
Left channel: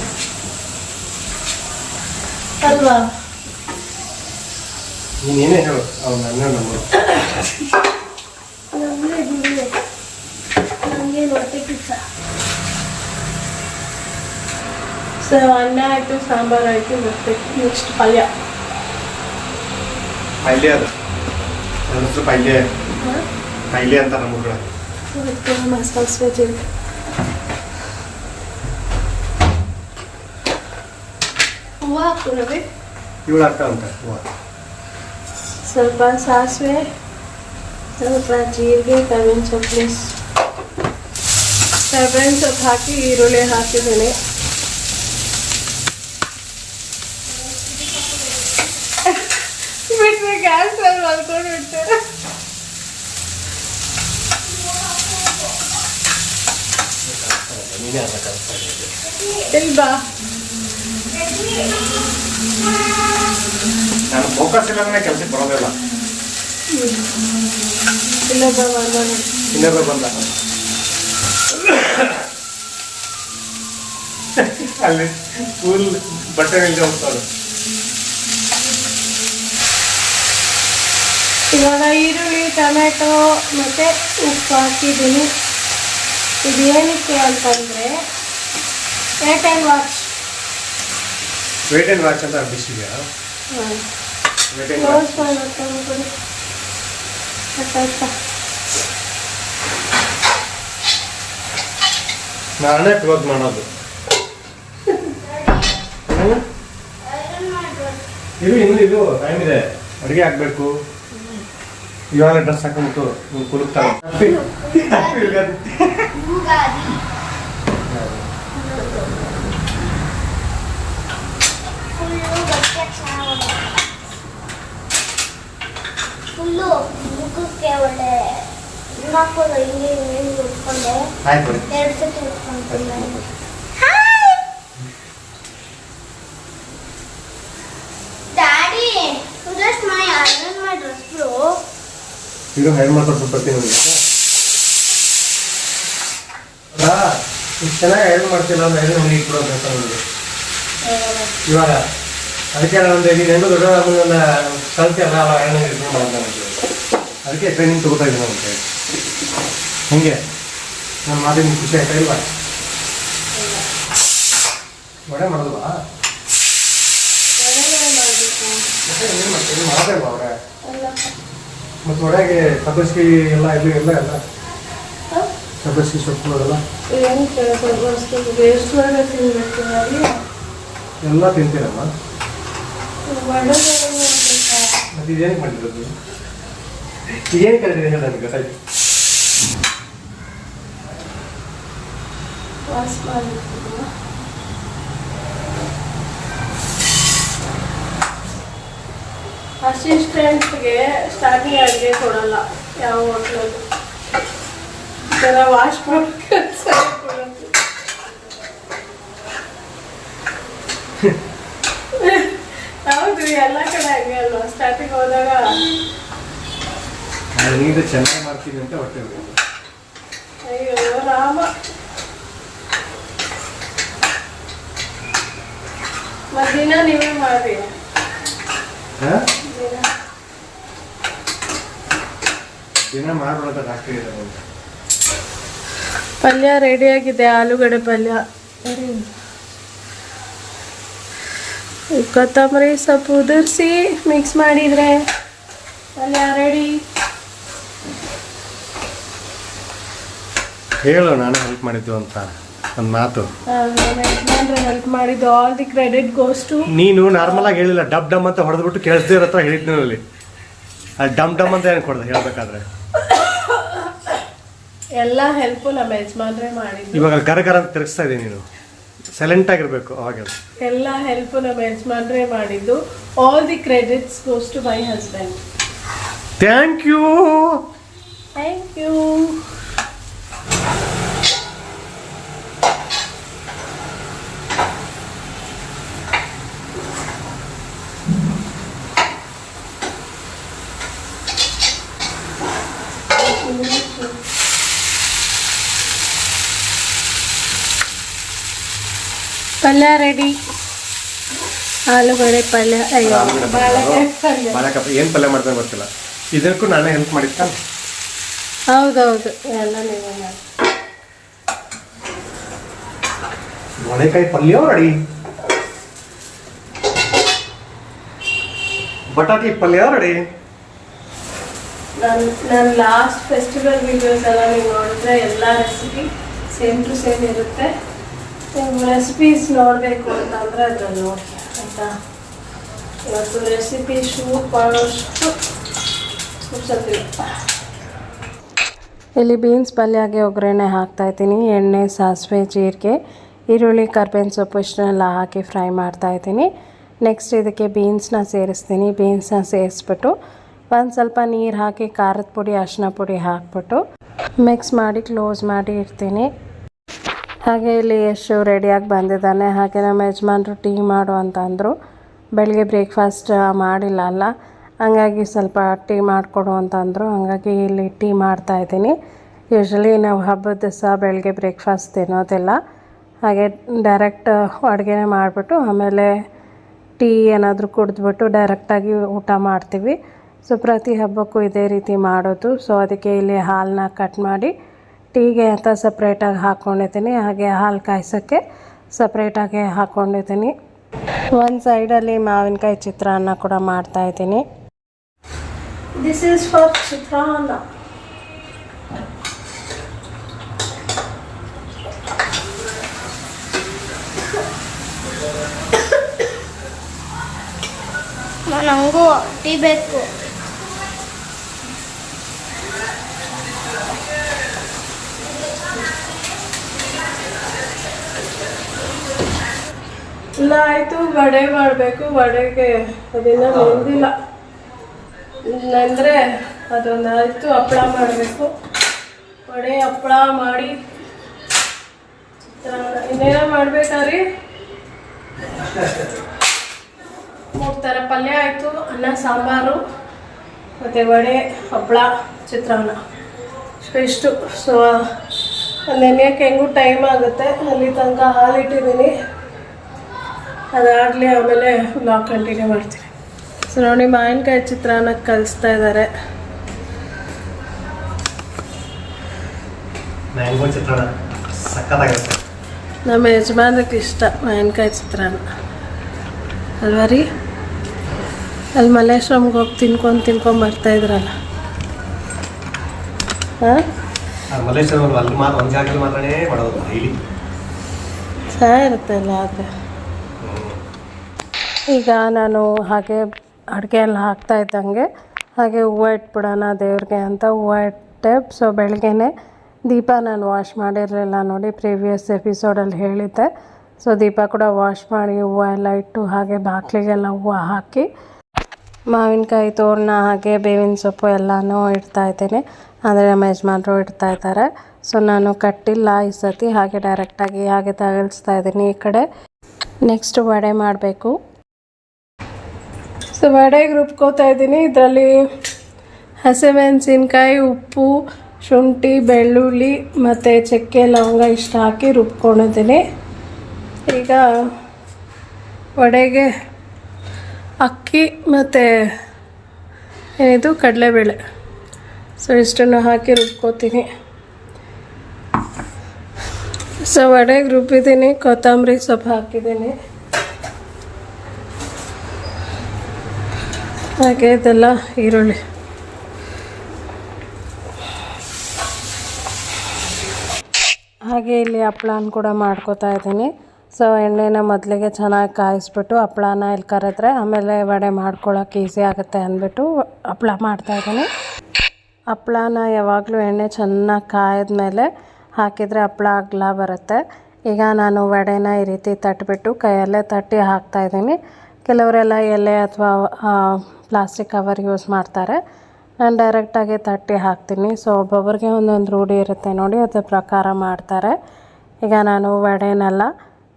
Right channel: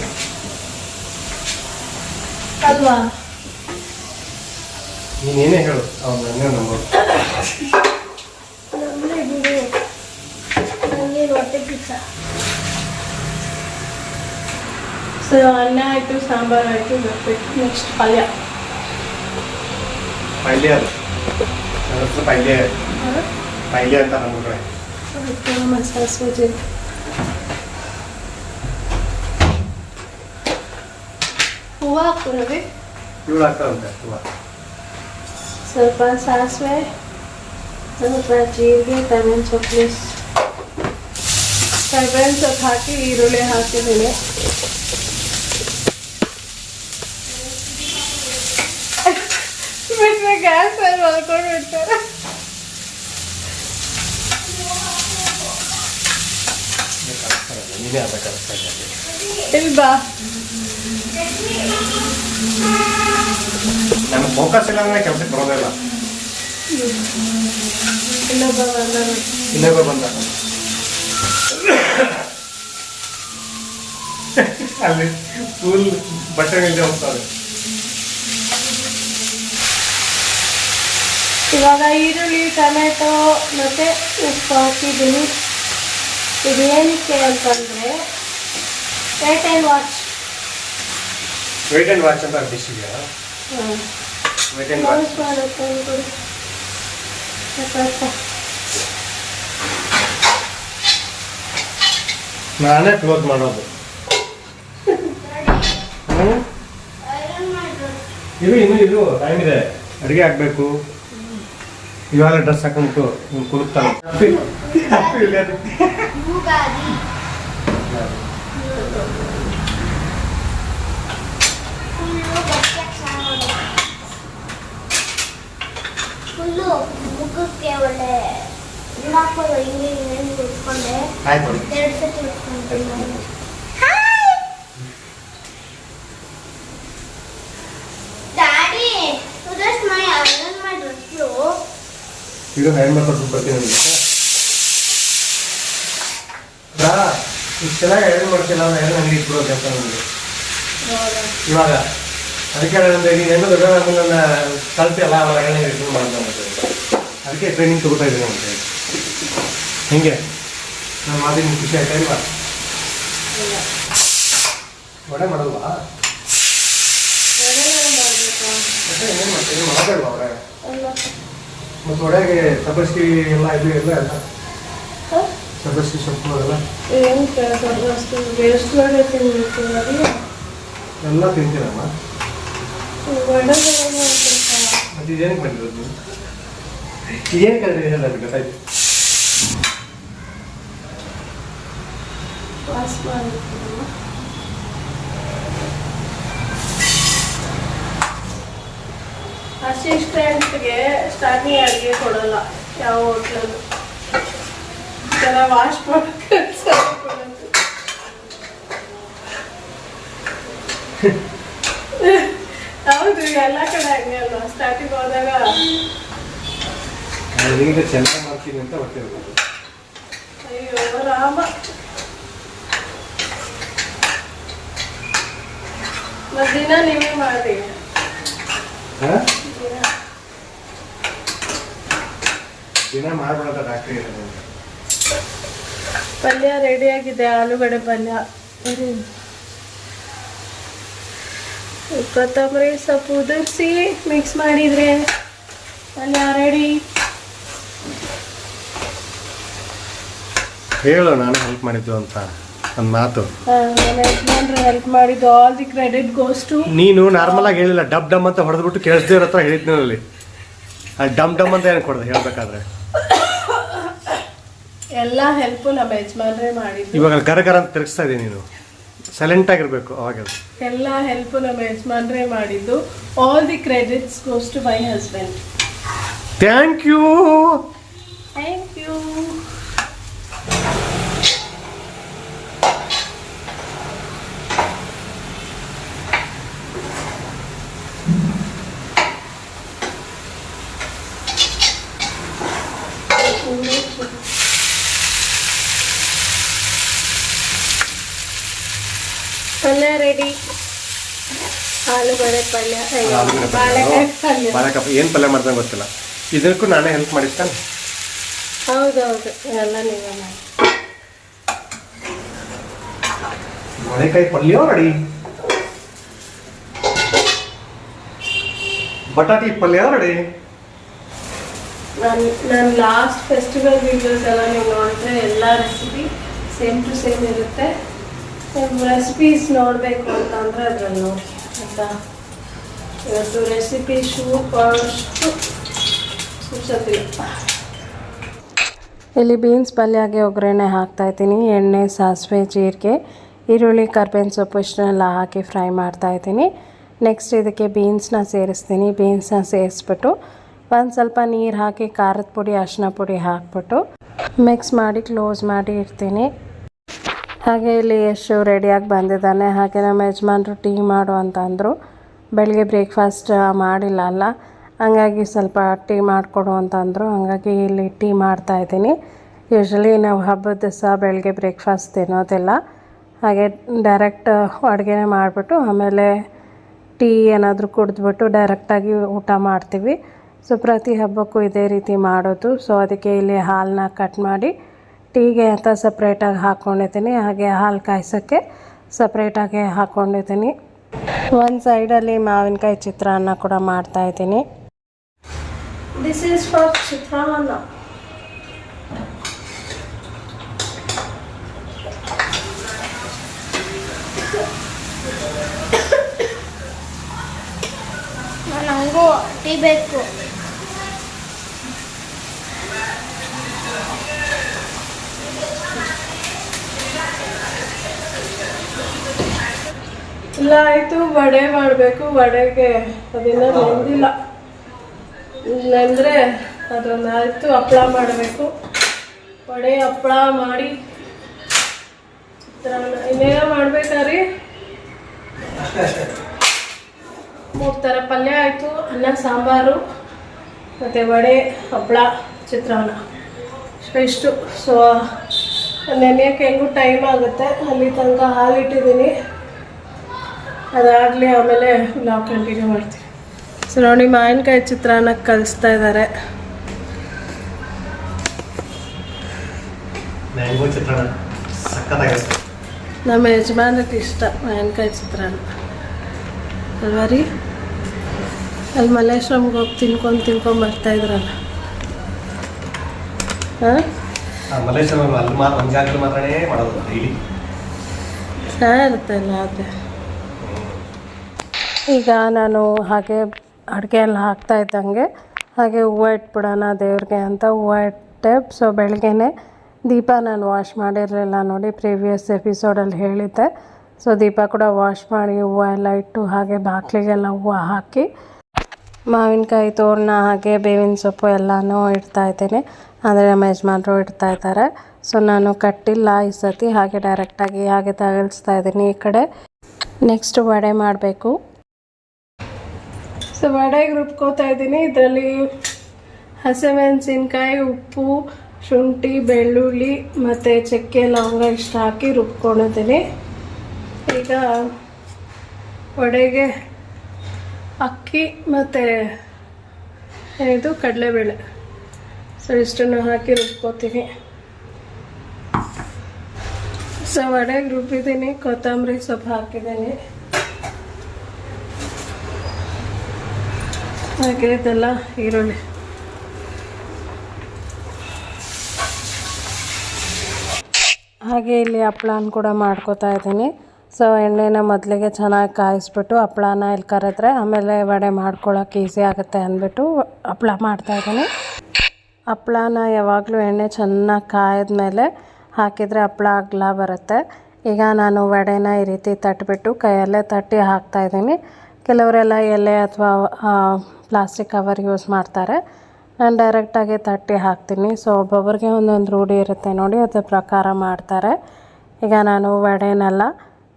ಅಲ್ವಾ? ನೀನೇನೇ ಹೇಳು ಅವ್ನು ನನ್ನ ನಂಬೋದು ನಮ್ದೇ ಗುರು. ನಮ್ಗೇನು ಹೊಟ್ಟೆ ಕಿಚ್ಚ ಸೊ ಅನ್ನ ಆಯಿತು ಸಾಂಬಾರು ಆಯಿತು ಮತ್ತೆ ನೆಕ್ಸ್ಟ್ ಪಲ್ಯ. ಪಲ್ಯ ಅದು. ನನ್ನ ಹೆಸರು ಪೈಲೆ ಪೈಲೆ ಅಂತ ನಮ್ಮ ಕಡೆ ಹೂವು ಇವಳು ಆಗ್ತಾವಂತೆ ಹೂವ. ಸ್ವಲ್ಪ ಸಾಸಿವೆ ಸ್ವಲ್ಪ ಜೀರಿಗೆ ಕರಿಬೇವಿನ ಸೊಪ್ಪು ಕರಿಬೇವಿನ ಸೊಪ್ಪು ಹಾಕಿ ಈರುಳ್ಳಿ ಹಾಕಿದ್ದೀನಿ. ಮಾಡ್ಕೊಂಡು ಇರ್ತಾರೆ ಇಲ್ವಾ ನಾನು ಫೋಕಸ್ ಇಲ್ಲ. ಕೆಲಸಕ್ಕೆ ಬರೋದಿಲ್ಲ ಇನ್ನೊಬ್ಬ ಬಂದ. ಅಲ್ಲಿ ಸ್ಕೂಲ್ ಬಟ್ಟೆ ಹೋಗ್ತಾರೆ ಇವಾಗ ಈರುಳ್ಳಿ ಟೊಮೆಟೊ ಮತ್ತು ಉಪ್ಪು ಹಾಕಿದ್ದೀನಿ. ಇದು ಏನಕ್ಕೆ ಅಂತಂದರೆ wait and watch wait and watch ಅಂತ ಡಿಶ್ ಇದೆಯಾ ವೇಟ್ ಆ್ಯಂಡ್ ವಾಚ್ ಮಾಡುತ್ತೆ ಅನ್ಕೊಳ್ಳಿ. ನಾನೇ ಕ್ಲೋಸ್ ಮಾಡೋದು. ಹ್ಮ್? ಇದು ಇನ್ನು ಇದು ಟೈಮ್ ಇದೆ. ಅಡುಗೆ ಹಾಕ್ಬೇಕು ಇವಾಗ ಡ್ರೆಸ್ ಹಾಕೊಂಡು ನೀವು ಕುಲುಕ್ತಾನೆ ಹ್ಯಾಪಿ ಹ್ಯಾಪಿ ಯುಗಾದಿ. ಫುಲ್ಲು ಮುಖಕ್ಕೆ ಒಳ್ಳೆ ಹಾಕೋದು ಹಿಂಗೆ ಹಿಂಗೆ ಉಟ್ಕೊಂಡೆ ಆಯ್ತು ಬಿಡಿ. ಎರಡು ಸತಿ ಉಟ್ಕೊಂತಿಲ್ಲ daddy just my iron my dress ಇದು ಹೈರ್ ಮಾಡ್ಕೊಂಡು ಬರ್ತೀನಿ ನನಗೆ ಇಷ್ಟು ಚೆನ್ನಾಗಿ ಐರನ್ ಮಾಡ್ತಿಲ್ಲ ಅಂದ್ರೆ ಐರನ್ ಹಂಗೆ ಇಟ್ಬಿಡು ಅಂತ ನನಗೆ ಇವಾಗ ಅದಕ್ಕೆ ನಾನು ಈಗ ಹೆಣ್ಣು ದೊಡ್ಡ ನನ್ನ ಕಲ್ತಿಯಲ್ಲ ಅಲ್ಲ ಐರನ್ ಇಟ್ಕೊಂಡು ಮಾಡೋದು ಹೇಳಿ. ಅದಕ್ಕೆ ಟ್ರೈನಿಂಗ್ ತಗೋತಾ ಇದ್ದೀನಿ ಅಂತ ಹೇಳಿ. ಹಿಂಗೆ ನಮ್ಮ ಮಾತಿನ ಖುಷಿ ಆಯ್ತಾ ಇಲ್ವಾ? ಒಡೆ ಮಾಡಲ್ವಾ? ಮಾತಾಡುವ ಅವ್ರೆ? ಮತ್ತು ಒಡೆಗೆ ಸಬ್ಬಸ್ಗಿ ಎಲ್ಲ ಇದು ಎಲ್ಲ ಅಲ್ಲ? ಸಬ್ಬಸ್ಗಿ ಸೊಪ್ಪು ಅದೆಲ್ಲ? ಏನು ಕೆಲಸ ಎಷ್ಟು ಅದು ಎಲ್ಲ ತಿಂತೀರಮ್ಮ. ಮತ್ತೆ ಇದೇನಕ್ಕೆ ಮಾಡಿರೋದು ಏನು ಕಲಿತಿದೆ ಹೇಳ ನನಗೆ ಗೊತ್ತಾಯ್ತು ಪಾಸ್ ಮಾಡಿರ್ತೀನಮ್ಮ ಅಸಿಸ್ಟೆಂಟ್ಗೆ ಸ್ಟಾರ್ಟಿಂಗ್ ಅಡುಗೆ ಕೊಡಲ್ಲ ಯಾವ ಹೋಟ್ಲಲ್ಲಿ. ಜನ ವಾಶ್ ಮಾಡ್ಕೊಂಡು ಹೌದು ಎಲ್ಲ ಕಡೆ ಹಂಗೆ ಅಲ್ವಾ? ಸ್ಟಾರ್ಟಿಂಗ್ ಹೋದಾಗ ಚೆನ್ನಾಗಿ ಮಾಡ್ತೀನಿ ಅಂತ ಹೊಟ್ಟೆ ಅಯ್ಯೋ ರಾಮ. ಮಧ್ಯಾಹ್ನ ನೀವೇ ಮಾಡಿ. ಹಾಂ? ದಿನ ರೆಡಿ ಆಗಿದೆ ಡಾಕ್ಟ್ರ್ ಪಲ್ಯ ರೆಡಿಯಾಗಿದೆ ಆಲೂಗಡ್ಡೆ ಪಲ್ಯ. ಕೊತ್ತಂಬರಿ ಸೊಪ್ಪು ಉದುರಿಸಿ ಮಿಕ್ಸ್ ಮಾಡಿದರೆ ಪಲ್ಯ ರೆಡಿ ಹೇಳು ನಾನು ಹೆಲ್ಪ್ ಮಾಡಿದ್ದು ಅಂತ. ನನ್ನ ಮಾತು. ಹೆಲ್ಪ್ ಮಾಡಿದ್ದು all the credit goes to ನೀನು ನಾರ್ಮಲ್ ಆಗಿ ಹೇಳಿಲ್ಲ ಡಬ್ ಡಮ್ ಅಂತ ಹೊಡೆದ್ಬಿಟ್ಟು ಕೇಳಿಸ್ದೇ ಹತ್ರ ಹೇಳಿದ್ನು ಅಲ್ಲಿ. ಆ ಡಮ್ ಡಮ್ ಅಂತ ಏನು ಕೊಡ್ದೆ ಹೇಳ್ಬೇಕಾದ್ರೆ? ಎಲ್ಲ ಹೆಲ್ಪ್ ನಮ್ಮ ಯಜಮಾನ್ರೇ ಮಾಡಿದ್ದು. ಇವಾಗ ಗರ ಗರ ಅಂತ ತಿರುಗಿಸ್ತಾ ಇದೀನಿ ನೀನು. ಸೈಲೆಂಟ್ ಆಗಿರ್ಬೇಕು ಅವಾಗ ಅದು. ಎಲ್ಲ ಹೆಲ್ಪ್ ನಮ್ಮ ಯಜಮಾನ್ರೆ ಮಾಡಿದ್ದು. All the credits goes to my husband thank you thank you ಪಲ್ಯ ರೆಡಿ ಆಲೂಗಡ್ಡೆ ಪಲ್ಯ. ಬಾಳೆಕಾಯಿ ಏನು ಪಲ್ಯ ಮಾಡ್ದಂಗೆ ಗೊತ್ತಿಲ್ಲ. ಇದಕ್ಕೂ ನಾನೇ ಹೆಲ್ಪ್ ಮಾಡಿರ್ತಾನೆ ಹೌದೌದು ಎಲ್ಲ ನೀವೇ ಮಾಡಿ. ಬಾಳೆಕಾಯಿ ಪಲ್ಯ ರೆಡಿ ಬಟಾಟಿ ಪಲ್ಯ ರೆಡಿ ನಾನು ನನ್ನ ಲಾಸ್ಟ್ ಫೆಸ್ಟಿವಲ್ ವೀಡಿಯೋಸ್ ಎಲ್ಲ ನೀವು ನೋಡಿದ್ರೆ ಎಲ್ಲ ರೆಸಿಪಿ ಸೇಮ್ ಟು ಸೇಮ್ ಇರುತ್ತೆ. ರೆಸಿಪೀಸ್ ನೋಡಬೇಕು ಅಂತಂದರೆ ಅದ್ರಲ್ಲಿ ನೋಡಿ ಆಯಿತಾ? ಇವತ್ತು ರೆಸಿಪಿ ಇಲ್ಲಿ ಬೀನ್ಸ್ ಪಲ್ಯಗೆ ಒಗ್ಗರಣೆ ಹಾಕ್ತಾ ಇದ್ದೀನಿ, ಎಣ್ಣೆ, ಸಾಸಿವೆ, ಜೀರಿಗೆ, ಈರುಳ್ಳಿ, ಕರ್ಬೇವಿನ ಸೊಪ್ಪು ಇಷ್ಟನ್ನೆಲ್ಲ ಹಾಕಿ ಫ್ರೈ ಮಾಡ್ತಾ ಇದ್ದೀನಿ. ನೆಕ್ಸ್ಟ್ ಇದಕ್ಕೆ ಬೀನ್ಸ್ನ ಸೇರಿಸ್ತೀನಿ ಬೀನ್ಸ್ನ ಸೇರಿಸ್ಬಿಟ್ಟು ಒಂದು ಸ್ವಲ್ಪ ನೀರು ಹಾಕಿ, ಖಾರದ ಪುಡಿ, ಅರಿಶಿನ ಪುಡಿ ಹಾಕ್ಬಿಟ್ಟು ಮಿಕ್ಸ್ ಮಾಡಿ ಕ್ಲೋಸ್ ಮಾಡಿ ಇಡ್ತೀನಿ. ಹಾಗೆ ಇಲ್ಲಿ ಯಶು ರೆಡಿಯಾಗಿ ಬಂದಿದ್ದಾನೆ. ಹಾಗೆ ನಮ್ಮ ಯಜಮಾನರು ಟೀ ಮಾಡು ಅಂತ ಅಂದರು. ಬೆಳಗ್ಗೆ ಬ್ರೇಕ್ಫಾಸ್ಟ್ ಮಾಡಿಲ್ಲ ಅಲ್ಲ. ಹಂಗಾಗಿ ಸ್ವಲ್ಪ ಟೀ ಮಾಡಿಕೊಡು ಅಂತ ಅಂದರು. ಹಾಗಾಗಿ ಇಲ್ಲಿ ಟೀ ಮಾಡ್ತಾ ಇದ್ದೀನಿ. ಯೂಶ್ವಲಿ ನಾವು ಹಬ್ಬದ ದಿವಸ ಬೆಳಗ್ಗೆ ಬ್ರೇಕ್ಫಾಸ್ಟ್ ತಿನ್ನೋದಿಲ್ಲ. ಹಾಗೆ ಡೈರೆಕ್ಟ್ ಅಡುಗೆನೇ ಮಾಡಿಬಿಟ್ಟು ಆಮೇಲೆ ಟೀ ಏನಾದರೂ ಕುಡಿದ್ಬಿಟ್ಟು ಡೈರೆಕ್ಟಾಗಿ ಊಟ ಮಾಡ್ತೀವಿ. ಸೊ ಪ್ರತಿ ಹಬ್ಬಕ್ಕೂ ಇದೇ ರೀತಿ ಮಾಡೋದು. ಸೊ ಅದಕ್ಕೆ ಇಲ್ಲಿ ಹಾಲನ್ನ ಕಟ್ ಮಾಡಿ ಟೀಗೆ ಅಂತ ಸಪ್ರೇಟಾಗಿ ಹಾಕ್ಕೊಂಡಿದ್ದೀನಿ ಹಾಗೆ ಹಾಲು ಕಾಯಿಸೋಕ್ಕೆ ಸಪ್ರೇಟಾಗಿ ಹಾಕ್ಕೊಂಡಿದ್ದೀನಿ ಒಂದು ಸೈಡಲ್ಲಿ ಮಾವಿನಕಾಯಿ ಚಿತ್ರಾನ್ನ ಕೂಡ ಮಾಡ್ತಾಯಿದ್ದೀನಿ ದಿಸ್ ಈಸ್ ಫಾರ್ ಚಿತ್ರಾನ್ನ. ನನಗೂ ಟೀ ಬೇಕು. ಇಲ್ಲ ಆಯಿತು ವಡೆ ಮಾಡಬೇಕು ವಡೆಗೆ ಅದನ್ನ ನೆಂದಿಲ್ಲ. ನೆಂದರೆ ಅದೊಂದು ಆಯಿತು ಹಪ್ಪಳ ಮಾಡಬೇಕು. ವಡೆ ಹಪ್ಪಳ ಮಾಡಿ ಚಿತ್ರಾನ್ನ ಇನ್ನೇನ ಮಾಡ್ಬೇಕಾರಿ ಮೂರು ಥರ ಪಲ್ಯ ಆಯಿತು ಅನ್ನ ಸಾಂಬಾರು ಮತ್ತು ವಡೆ ಹಪ್ಪಳ ಚಿತ್ರಾನ್ನ. ಇಷ್ಟು ಸೊ ನೆನೆಯೋಕ್ಕೆ ಹೆಂಗೂ ಟೈಮ್ ಆಗುತ್ತೆ ಅಲ್ಲಿ ತನಕ ಹಾಲಿಟ್ಟಿದ್ದೀನಿ. ಅದಾಗಲಿ ಆಮೇಲೆ ಬ್ಲಾಗ್ ಕಂಟಿನ್ಯೂ ಮಾಡ್ತೀನಿ ಸೊ ನೋಡಿ ಮಾವಿನಕಾಯಿ ಚಿತ್ರಾನ್ನ ಕಲಿಸ್ತಾ ಇದ್ದಾರೆ ನಮ್ಮ ಯಜಮಾನಕ್ಕೆ ಇಷ್ಟ ಮಾವಿನಕಾಯಿ ಚಿತ್ರಾನ್ನ. ಅಲ್ವಾ ರೀ? ಅಲ್ಲಿ ಮಲ್ಲೇಶ್ವರಂಗೆ ಹೋಗಿ ತಿನ್ಕೊಂಡು ತಿನ್ಕೊಂಡು ಬರ್ತಾ ಇದ್ರಲ್ಲ. ಹಾಂ? ಆ ಇರುತ್ತಲ್ಲ ಅಲ್ಲಿ ಮಾತ್ರ ಒಂದು ಜಾಗದಲ್ಲಿ ಮಾತ್ರನೇ ಮಾಡೋದು ಡೈಲಿ ಚೆನ್ನಾಗಿರುತ್ತಲ್ಲ ಆದರೆ ಈಗ ನಾನು ಹಾಗೆ ಅಡುಗೆ ಎಲ್ಲ ಹಾಕ್ತಾ ಇದ್ದಂಗೆ ಹಾಗೆ ಹೂವು ಇಟ್ಬಿಡೋಣ ದೇವ್ರಿಗೆ ಅಂತ ಹೂವು ಇಟ್ಟೆ. ಸೊ ಬೆಳಗ್ಗೆನೆ ದೀಪ ನಾನು ವಾಶ್ ಮಾಡಿರಲಿಲ್ಲ ನೋಡಿ ಪ್ರೀವಿಯಸ್ ಎಪಿಸೋಡಲ್ಲಿ ಹೇಳಿದ್ದೆ. ಸೊ ದೀಪ ಕೂಡ ವಾಶ್ ಮಾಡಿ ಹೂವು ಎಲ್ಲ ಇಟ್ಟು ಹಾಗೆ ಬಾಗಿಲಿಗೆಲ್ಲ ಹೂವು ಹಾಕಿ ಮಾವಿನಕಾಯಿ ತೋರಣ ಹಾಗೆ ಬೇವಿನ ಸೊಪ್ಪು ಎಲ್ಲನೂ ಇಡ್ತಾ ಇದ್ದೀನಿ. ಅಂದರೆ ನಮ್ಮ ಯಜಮಾನರು ಇಡ್ತಾ ಇದ್ದಾರೆ. ಸೊ ನಾನು ಕಟ್ಟಿಲ್ಲ ಈ ಸತಿ, ಹಾಗೆ ಡೈರೆಕ್ಟಾಗಿ ಹಾಗೆ ತಗಲ್ಸ್ತಾ ಇದ್ದೀನಿ ಈ ಕಡೆ. ನೆಕ್ಸ್ಟ್ ವಡೆ ಮಾಡಬೇಕು. ಸೊ ವಡೆಗೆ ರುಬ್ಕೋತಾ ಇದ್ದೀನಿ. ಇದರಲ್ಲಿ ಹಸಿಮೆಣಸಿನ್ಕಾಯಿ, ಉಪ್ಪು, ಶುಂಠಿ, ಬೆಳ್ಳುಳ್ಳಿ ಮತ್ತು ಚಕ್ಕೆ ಲವಂಗ ಇಷ್ಟು ಹಾಕಿ ರುಬ್ಕೊಂಡಿದ್ದೀನಿ. ಈಗ ವಡೆಗೆ ಅಕ್ಕಿ ಮತ್ತು ಏನಿದು? ಕಡಲೆಬೇಳೆ. ಸೊ ಇಷ್ಟನ್ನು ಹಾಕಿ ರುಬ್ಕೋತೀನಿ. ಸೊ ವಡೆಗೆ ರುಬ್ಬಿದ್ದೀನಿ. ಕೊತ್ತಂಬರಿ ಸೊಪ್ಪು ಹಾಕಿದ್ದೀನಿ. ಹಾಗೆ ಇದೆಲ್ಲ ಈರುಳ್ಳಿ. ಹಾಗೆ ಇಲ್ಲಿ ಹಪ್ಳಾನ ಕೂಡ ಮಾಡ್ಕೋತಾ ಇದ್ದೀನಿ. ಸೊ ಎಣ್ಣೆನ ಮೊದಲಿಗೆ ಚೆನ್ನಾಗಿ ಕಾಯಿಸ್ಬಿಟ್ಟು ಹಪ್ಳನ ಇಲ್ಲಿ ಕರೆದ್ರೆ ಆಮೇಲೆ ವಡೆ ಮಾಡ್ಕೊಳ್ಳೋಕೆ ಈಸಿ ಆಗುತ್ತೆ ಅಂದ್ಬಿಟ್ಟು ಹಪ್ಳ ಮಾಡ್ತಾಯಿದ್ದೀನಿ ಹಪ್ಳನ ಯಾವಾಗಲೂ ಎಣ್ಣೆ ಚೆನ್ನಾಗಿ ಕಾಯ್ದ್ಮೇಲೆ ಹಾಕಿದರೆ ಹಪ್ಳ ಅಗ್ಲ ಬರುತ್ತೆ. ಈಗ ನಾನು ವಡೆನ ಈ ರೀತಿ ತಟ್ಟಿಬಿಟ್ಟು ಕೈಯಲ್ಲೇ ತಟ್ಟಿ ಹಾಕ್ತಾಯಿದ್ದೀನಿ ಕೆಲವರೆಲ್ಲ ಎಲೆ ಅಥವಾ ಪ್ಲಾಸ್ಟಿಕ್ ಕವರ್ ಯೂಸ್ ಮಾಡ್ತಾರೆ. ನಾನು ಡೈರೆಕ್ಟಾಗಿ ತಟ್ಟಿ ಹಾಕ್ತೀನಿ. ಸೊ ಒಬ್ಬೊಬ್ಬರಿಗೆ ಒಂದೊಂದು ರೂಢಿ ಇರುತ್ತೆ ನೋಡಿ, ಅದರ ಪ್ರಕಾರ ಮಾಡ್ತಾರೆ. ಈಗ ನಾನು ವಡೆನೆಲ್ಲ,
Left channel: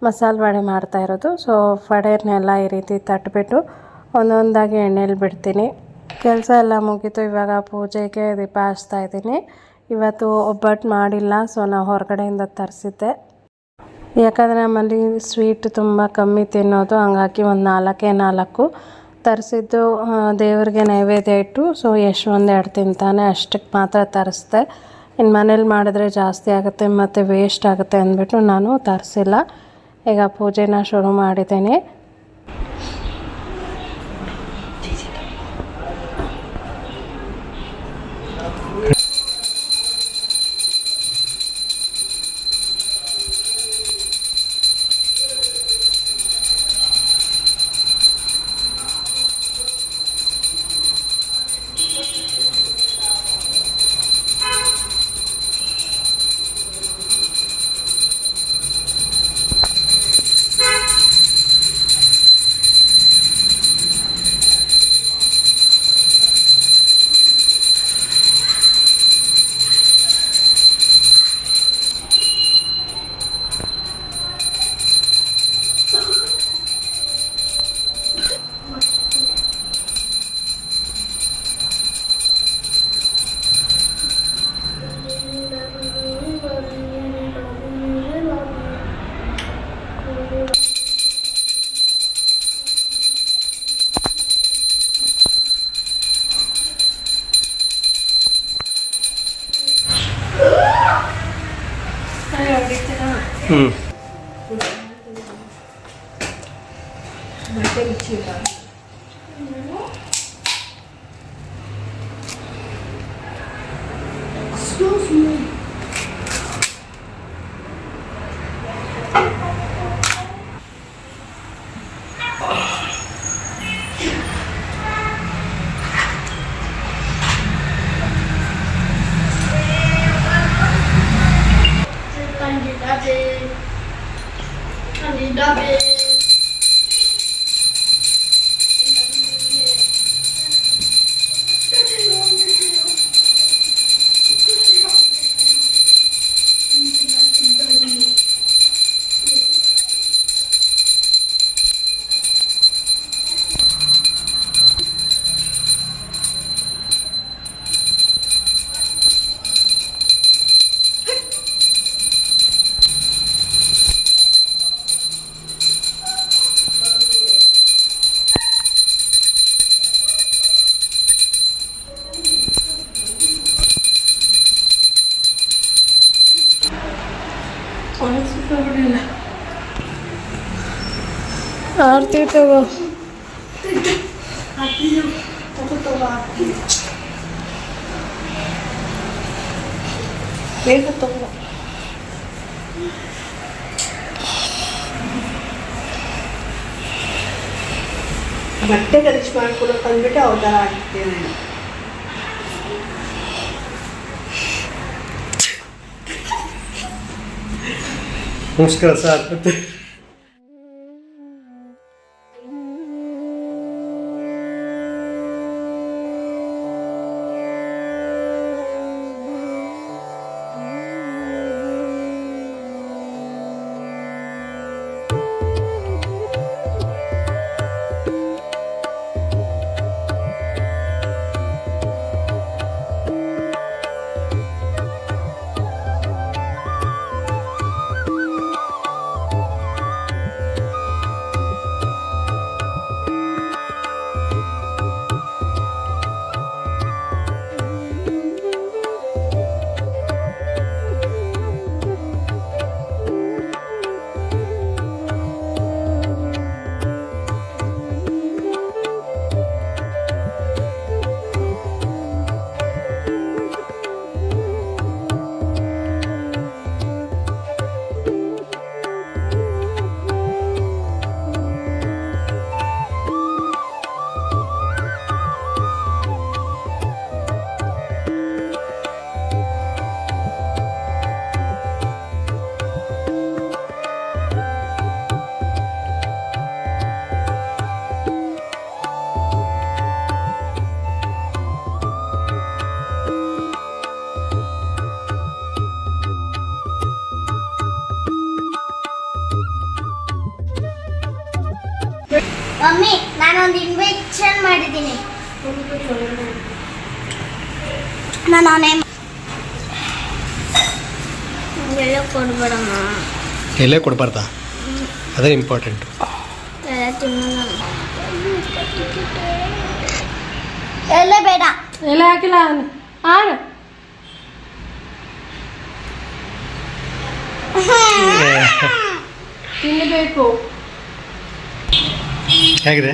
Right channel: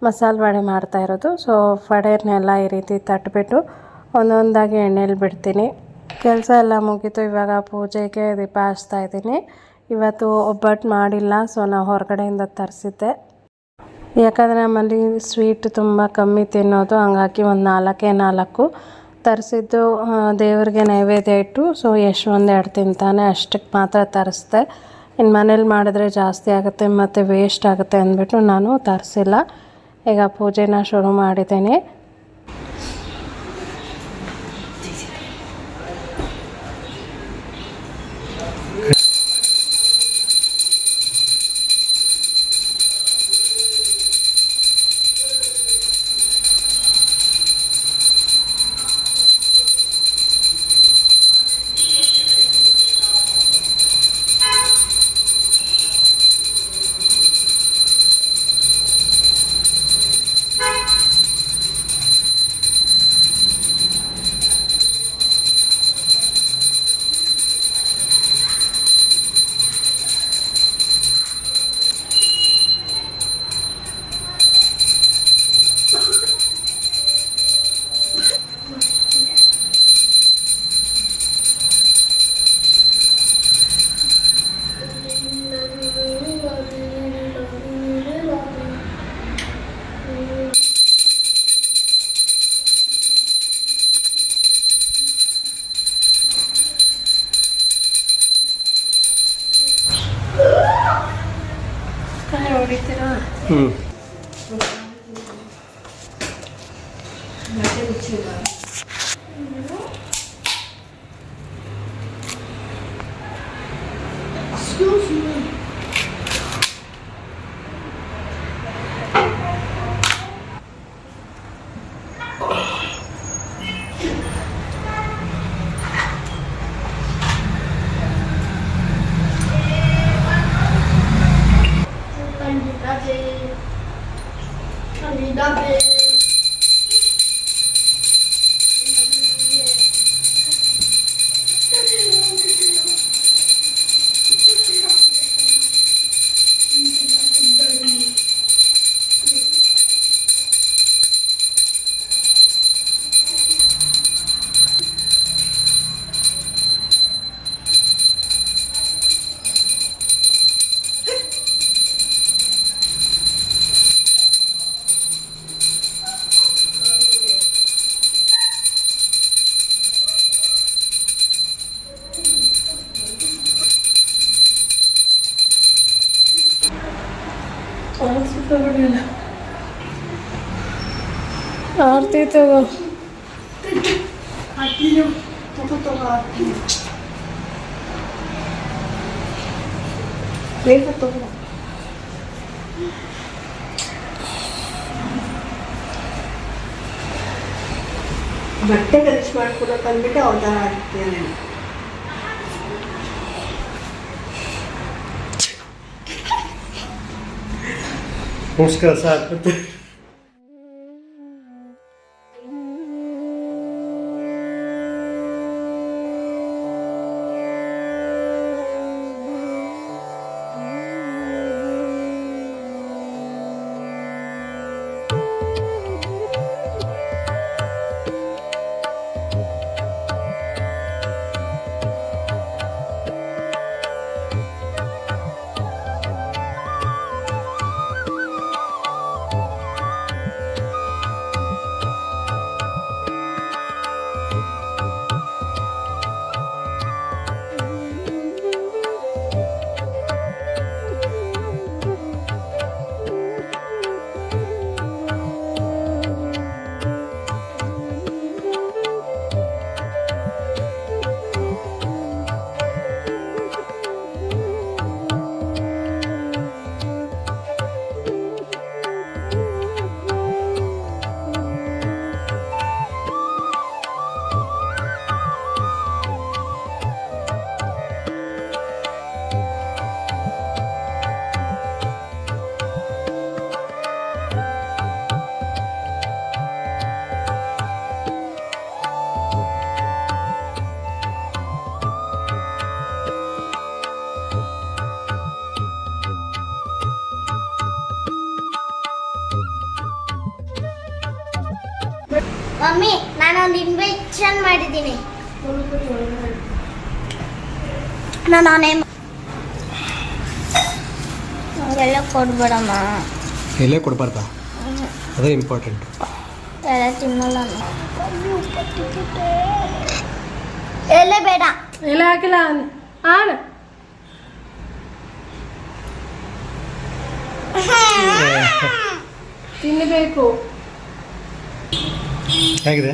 ಮಸಾಲೆ ವಡೆ ಮಾಡ್ತಾ ಇರೋದು. ಸೊ ವಡೆನೆಲ್ಲ ಈ ರೀತಿ ತಟ್ಟಿಬಿಟ್ಟು ಒಂದೊಂದಾಗಿ ಎಣ್ಣೆಲಿ ಬಿಡ್ತೀನಿ. ಕೆಲಸ ಎಲ್ಲ ಮುಗೀತು. ಇವಾಗ ಪೂಜೆಗೆ ದೀಪ ಹಚ್ತಾ ಇದ್ದೀನಿ. ಇವತ್ತು ಒಬ್ಬಟ್ಟು ಮಾಡಿಲ್ಲ ಸೊ ನಾವು ಹೊರಗಡೆಯಿಂದ ತರಿಸಿದ್ದೆ. ಯಾಕಂದರೆ ನಮ್ಮಲ್ಲಿ ಸ್ವೀಟ್ ತುಂಬ ಕಮ್ಮಿ ತಿನ್ನೋದು, ಹಂಗಾಗಿ ಒಂದು ನಾಲ್ಕೇ ನಾಲ್ಕು ತರಿಸಿದ್ದು ದೇವರಿಗೆ ನೈವೇದ್ಯ ಇಟ್ಟು ಸೊ ಎಷ್ಟು ಒಂದೆರಡು ತಿಂತಾನೆ ಅಷ್ಟಕ್ಕೆ ಮಾತ್ರ ತರಿಸ್ದೆ. ಇನ್ನು ಮನೇಲಿ ಮಾಡಿದ್ರೆ ಜಾಸ್ತಿ ಆಗುತ್ತೆ, ಮತ್ತು ವೇಸ್ಟ್ ಆಗುತ್ತೆ ಅಂದ್ಬಿಟ್ಟು ನಾನು ತರಿಸಿಲ್ಲ. ಈಗ ಪೂಜೆನ ಶುರು ಮಾಡಿದ್ದೀನಿ. ಬಿಡಿಲ್ಲ ಆರ್ತಿ ತಗೋ ಬೇಗ ತಗೋ ಬಟ್ಟೆ ಗಲೀಜು ಮಾಡ್ಕೊಡಕ್ಕೆ ಅಂದ್ಬಿಟ್ಟು ಅವ್ರ ಥರ Vamos descansar. ಮಾಡಿದ್ದೀನಿ. ನಾನು ಅವನೇ ಎಲ್ಲ ಕೊಡ್ಬೇಡಮ್ಮ. ಎಲ್ಲೇ ಕೊಡಬಾರ್ದ? ಅದೇ ಇಂಪಾರ್ಟೆಂಟ್ ಎಲ್ಲೇ ಎಲೆ ಬೇಡ. ಎಲೆ ಹಾಕಿಲ್ಲ ಆಡು ತಿನ್ನಬೇಕು ಹೇಗಿದೆ?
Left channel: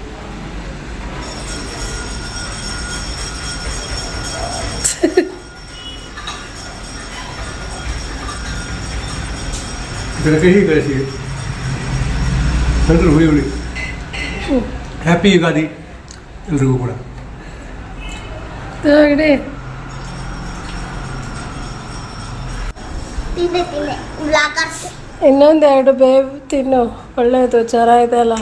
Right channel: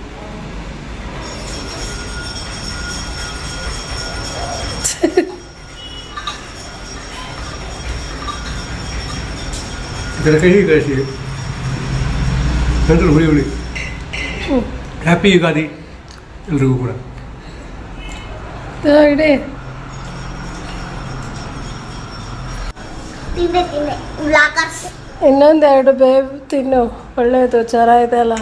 ಇದರ ಕಹಿ ಕಳಿಸಿ ನಂತರ ಹುಳಿ ಹುಳಿ ಹ್ಯಾಪಿ ಯುಗಾದಿ ಎಲ್ರಿಗೂ ಕೂಡ ತಗಡಿ ತಿಂದೆ ತಿಂದೆ ಬ್ಲಾಕರ್ಸ್ ಇನ್ನೊಂದು ಎರಡು ಬೇವು ತಿನ್ನು ಒಳ್ಳೇದು ಜ್ವರ ಇದೆಲ್ಲ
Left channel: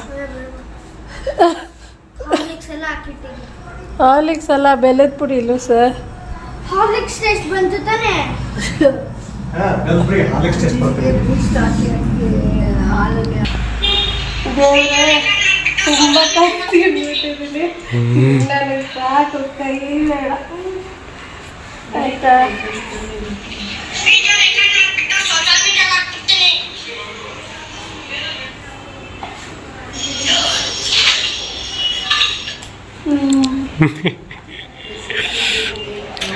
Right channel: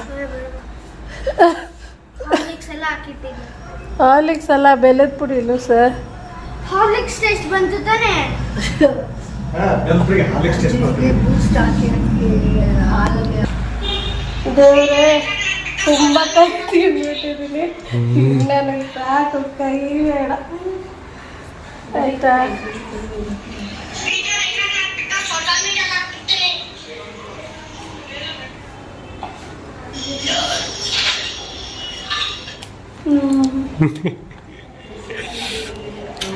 ಹಾರ್ಲಿಕ್ಸ್ ಎಲ್ಲ ಹಾಕಿಟ್ಟಿದ್ದೀನಿ ಹಾಲಿಕ್ಸ್ ಎಲ್ಲ ಬೆಲ್ಲದ ಪುಡಿ ಇಲ್ಲ ಸರ್ ಹಾರ್ಲಿಕ್ಸ್ ಟೇಸ್ಟ್ ಬಂತು ತಾನೆ ಎಲ್ರಿಗೆ ಹಾಲಿಕ್ಸ್ ಟೇಸ್ಟ್ ಮಾಡ್ತೀನಿ. ದೇವ್ರೆ ತುಂಬ ಕೈ ತಿಂದ್ಬಿಟ್ಟಿದ್ದೀನಿ ನನಗೆ ಸಾಕು ಕೈ ಬೇಡ. ಆಯ್ತಾ?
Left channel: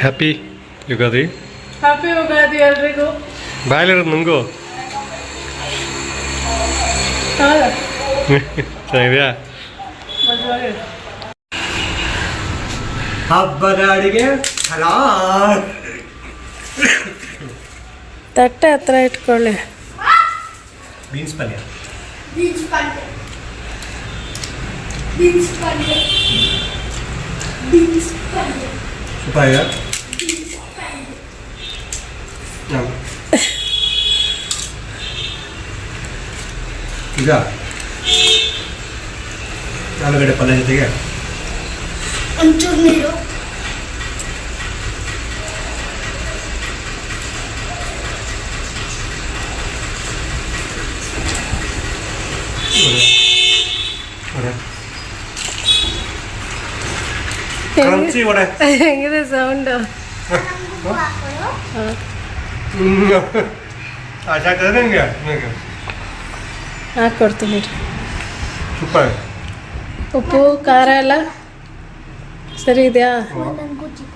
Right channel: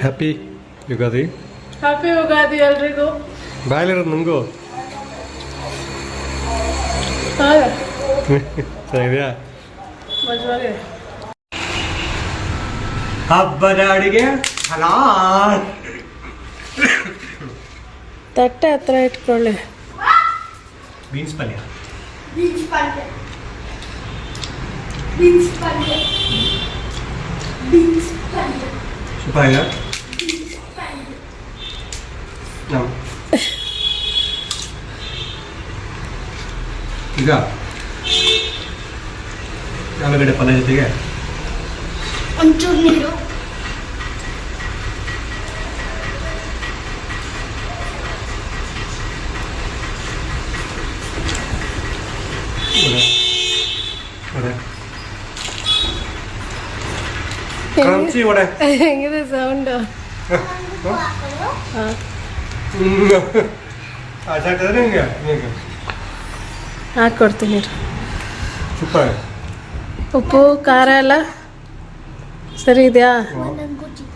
ಹ್ಯಾಪಿ ಯುಗಾದಿ ಹ್ಯಾಪಿ ಯುಗಾದಿ ಎಲ್ರಿಗೂ ಬಾಯಲ್ಲಿರೋದು ನಂಗೂ ಹೌದಾ ಚೆನ್ನಾಗಿದೆಯಾ ಮದುವೆ ಹಬ್ಬದ ಅಡಿಗೆ ಹಲಾ ತಟ್ಟೆ ಹತ್ರ ಇಟ್ಕೊಳ್ಳಿ ಬೀನ್ಸ್ ಪಲ್ಯ ಬೀನ್ಸ್ ಪಲ್ಯ ಬೀನ್ಸ್ ಪಲ್ಯ ಬೀನ್ಸ್ ಪಲ್ಯ ಸುಪಾಯ ಈಗ ಆಲೂಗಡ್ಡೆ ಪಲ್ಯ ಜೊತೆಗೆ ಒಂಚೂರು ನೀರು ವಡೆ ವಡೆ ಹೆಂಗಿದೆ ಕ್ರಂಚಿ ವಡೆ ಹೆಂಗಿದೆ ಸೌಂಡು ಹಾಂ ಆಚಾಗ್ತದೆ ನಿಮಗೆ ನಿಮಗೆ ಹಾಕ್ಕೊಡ್ತೀನಿ ಸೂಪರ್ ಉಪ್ಪು ಖಾರ ಎಲ್ಲ ಸರಿ ಇದೆಯಾ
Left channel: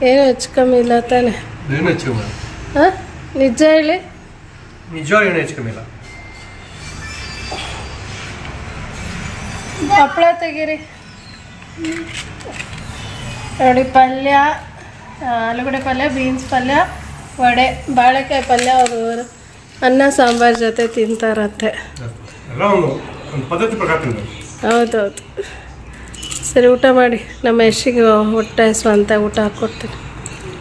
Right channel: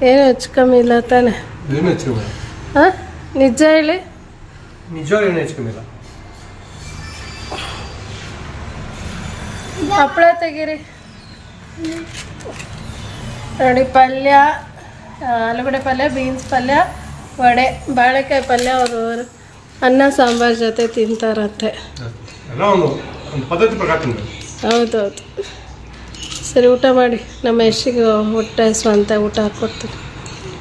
ಏನು ಹೆಚ್ಚು ಕಮ್ಮಿ ಇಲ್ಲ ತಾನೆ ಏನು ಹೆಚ್ಚು ಕಮ್ಮಿ ಹಾಂ ನಿಜ ಹೇಳಿ ನಿಜವಾಗ್ಲೂ ಏನು ಹೆಚ್ಚು ಕಮ್ಮಿ ಇಲ್ಲ ಹಪ್ಪಳ ತೆಗೀರಿ ನೋಡಿ ಪಲ್ಯ ಆ, ಆಲೂಗಡ್ಡೆ ಪಲ್ಯ ಬೀನ್ಸ್ ಪಲ್ಯ ವಡೆ ಬಾಳೆಕಾಯಿ ಪಲ್ಯ ಅವರು ಅನ್ನ ಸಾಂಬಾರು ಜೊತೆ ತಿಂತಾರಂತೆ. ಹೌದೌದು. ಸರಿ ಊಟ ಮಾಡಿ. ನಮ್ಮ ಯಶಿಗೆ ಹೊಟ್ಟೆ ಸ್ವಂತ ಊಟ ಹಾಕ್ಕೊಡ್ತೀನಿ